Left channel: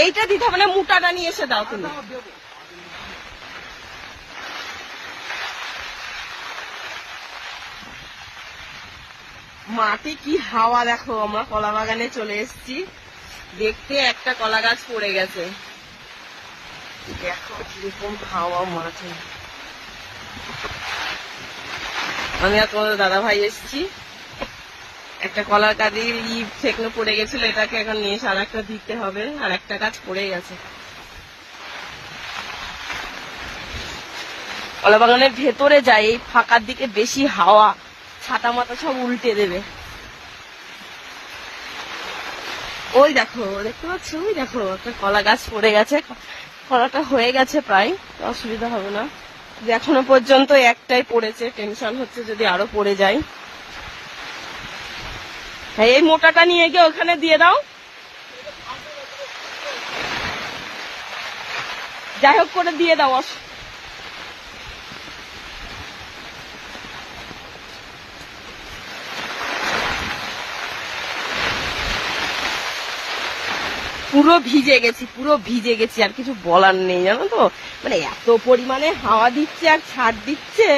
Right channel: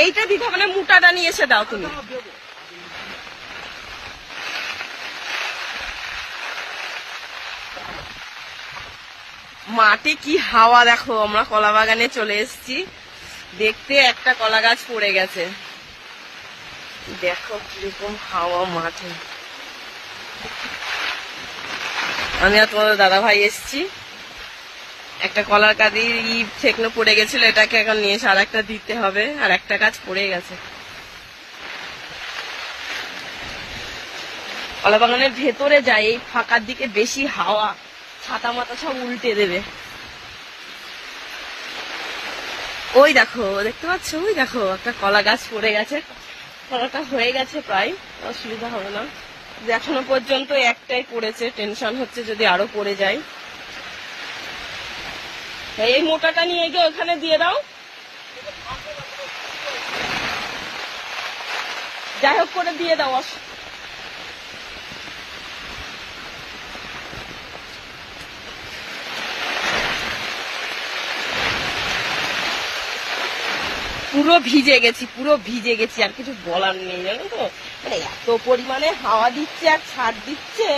এইটা দিতে হবে না, মোটাটা নিয়ে এসে দাও তুমি। মাঠে কি হাওয়া দেখো। আমরা কলা বাগানে চলে এসেছি, দেখতে একটা কলা গাছ পড়ে গেছে। দেখো কিরকম হাওয়া মাঠে। আমি আর তোমাদের দাদা ভাই এসছি। একটা কলার কাঁদি ঠেকনো পড়ে গেছিল, এটাকে এখন নিয়ে এসে আর একটা দিতে হবে। আর একটা গাছ পড়ে গেছে। কলা বাগানের ভেতরে যাই, এই ফাঁকার দিকে বেশি হাওয়া, ছাতা মাথা সব উল্টে দেবে। ওই দেখো, দেখতে পাচ্ছ? ওই দেখো একটা কলা গাছ পড়ে গেছে। কলাটা হয়ে গেছে প্রায়, অসুবিধা হবে না। এখনো পর্যন্ত একটাই পড়েছে, টেনশন হচ্ছে যদি আরো পড়ে যায়। হ্যাঁ, এই মোটাটা নিয়ে গিয়ে ওখানে দিয়ে দাও। যাই হোক করে দিয়ে দাও। পুরো ভিজে গেছি, পুরো ভিজে গেছি, আর কিছু বলার নেই জানো তো। মানে এত পরিমাণে হাওয়া দিচ্ছে আর ছাড় দিচ্ছে,